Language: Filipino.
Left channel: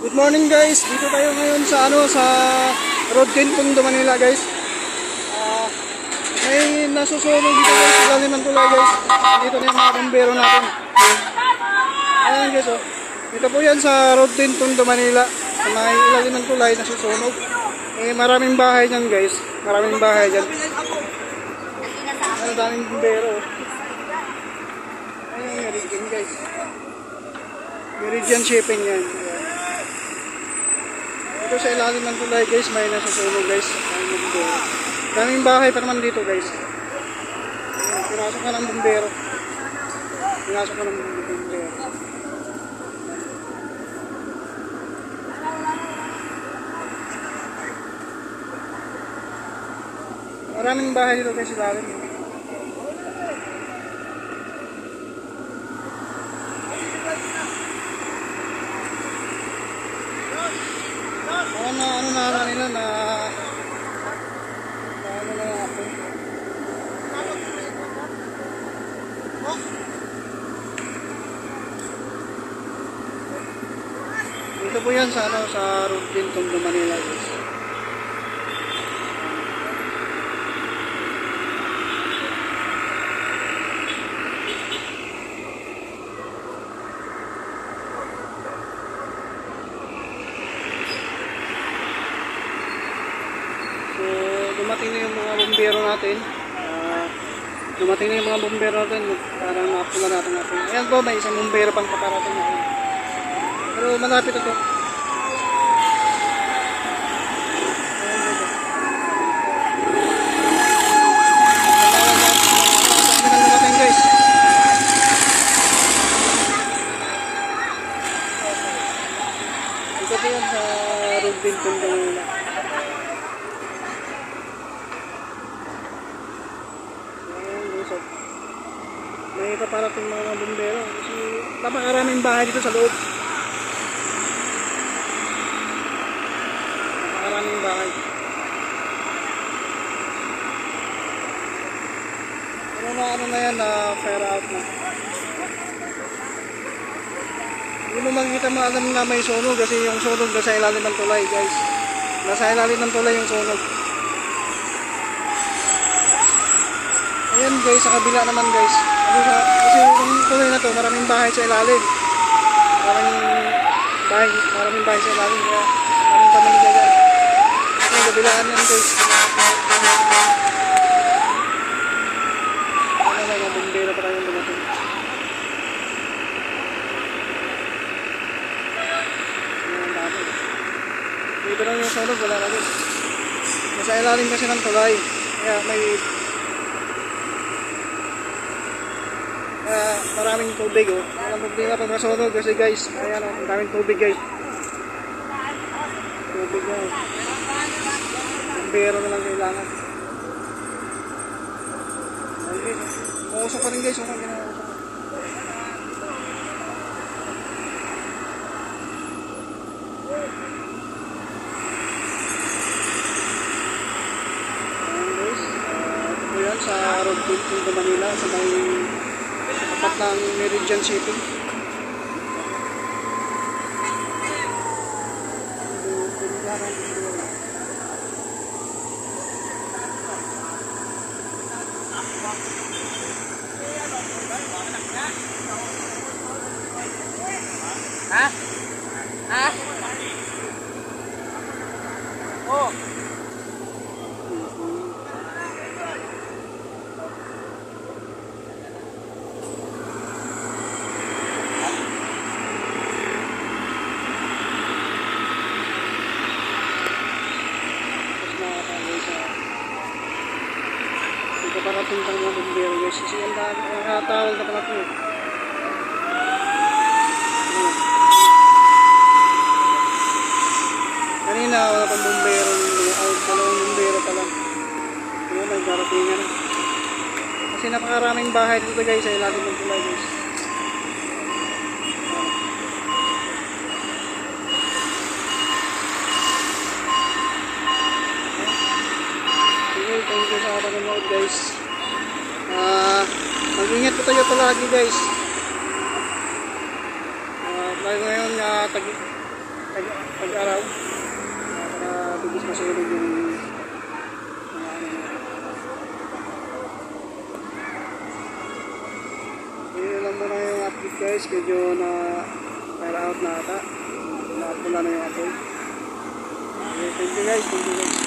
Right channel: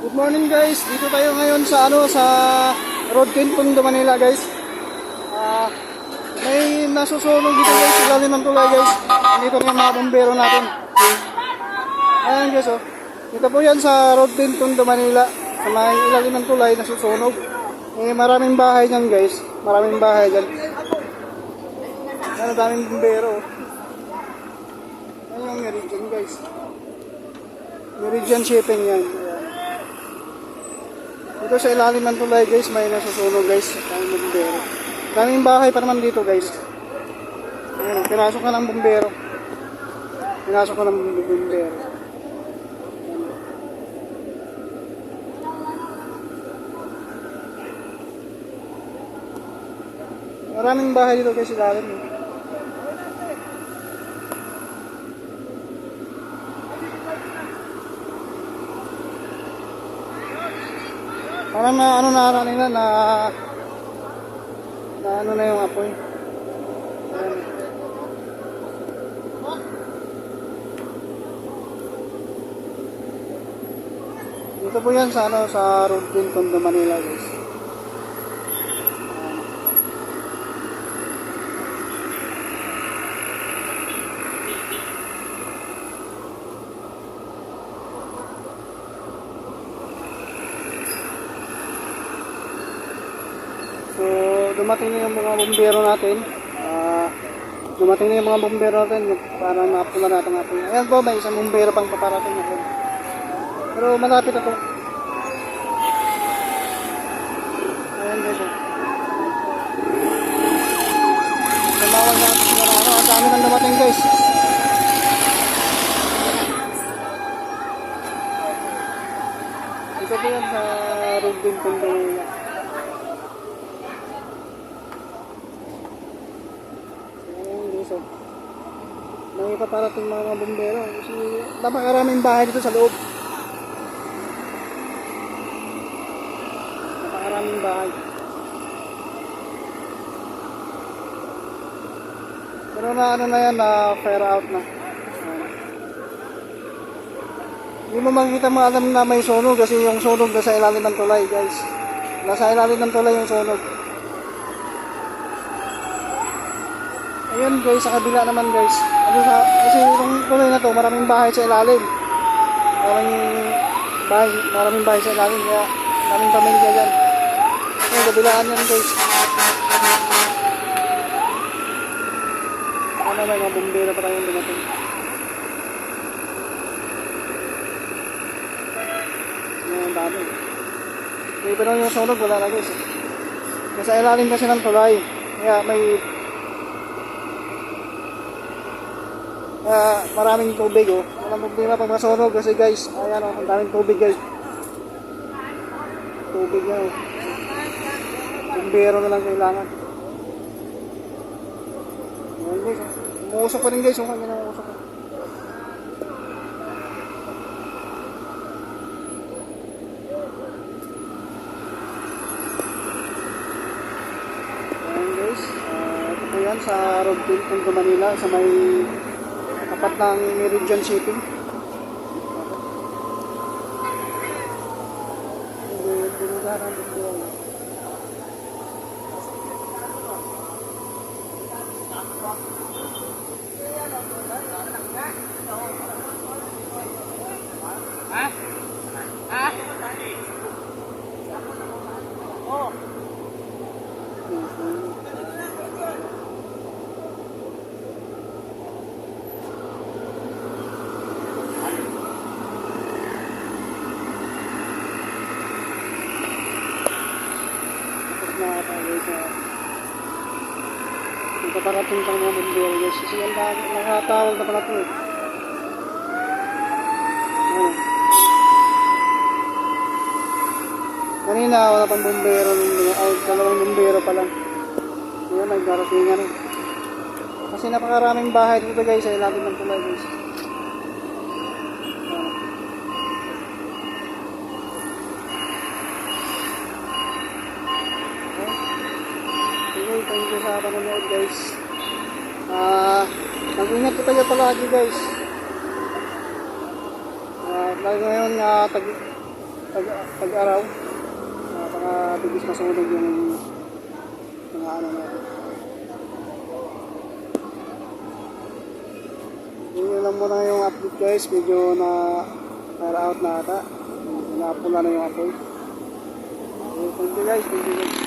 Good morning guys, dito tayo ngayon sa Road Tondo, Manila guys. May nasusunog dito guys, ilalim ng tulay guys. Dito na yung mga bombero natin. Ayan guys oh. Dito po yan sa Road Tondo, Manila. Sa may ilalim ng tulay, nasusunog. Maraming bahay dyan guys. Maraming bahay dyan. Daming bombero. Ayan yung Meridian guys. Meridian shipping yan. Ayan. Dito sa ilalim ng tulay guys, may nasusunog guys. Daming bahay pa naman dito guys. Pinasok ka ng bumbero. Pinasok ka ng bumbero. Maraming bahay dito guys sa ilalim. Parang na ano na nila na ano na yung apoy. Dito po yan sa Road Tondo, Manila guys. So, dumating na yung mga bombero natin. Dumating na yung mga bombero natin para napula natin natin. Ayan po, may isang bombero pang paparating natin. Pero malapit na to. Ayan guys. Tumawag natin sila na ano. Ang dami nang dumating guys. Ito po yan sa Road Tondo, Manila. May paparating mga bombero kasi napakaraming bahay dito sa loob. Napakaraming bahay. Pero na ano na yan, na fire out na. Hindi mo makikita mo alam na may sunog kasi yung sunog nasa ilalim ng tulay guys. Nasa ilalim ng tulay yung sunog. Ayan guys, sa kabila naman guys. Kasi yung tulay na to, maraming bahay sa ilalim. Maraming bahay sa ilalim. Kaya maraming pamilya dyan. Ayan, kabilaan yan guys. Ano, may mga bombero pa tayong dumating. Ayan, ang dami. Pero yung sunog, wala na guys. Nasa ilalim kasi ng tulay. Kaya may maraming tubig oh. Walang problema pag masunog kasi guys, ayan oh, ang daming tubig guys. Tubig na oh. Bumbero na lang kailangan. Ayan guys oh. Umuusok pa rin guys, oh, kanya umuusok pa. Ayan guys, ito po yan sa Road Tondo, Manila, sa may tapat ng Meridian Shipping. Ito parating pang mga bombero guys. Kasi yan nakatawag na pala ito eh. Kanina wala pang bombero. Dalawang bombero pa lang. Ayan, may daratingan eh. Kasi napakaraming bahay dito guys sa ilalim ng tulay guys. Thank you sa panonood guys. Mag-ingat po tayo palagi guys. Lalo ngayon pag-araw. Para bigis masunog yung mga ano na. Yun lang muna yung update guys. Medyo na fire out na ata. Napula na yung apoy. Okay, thank you guys. Thank you guys.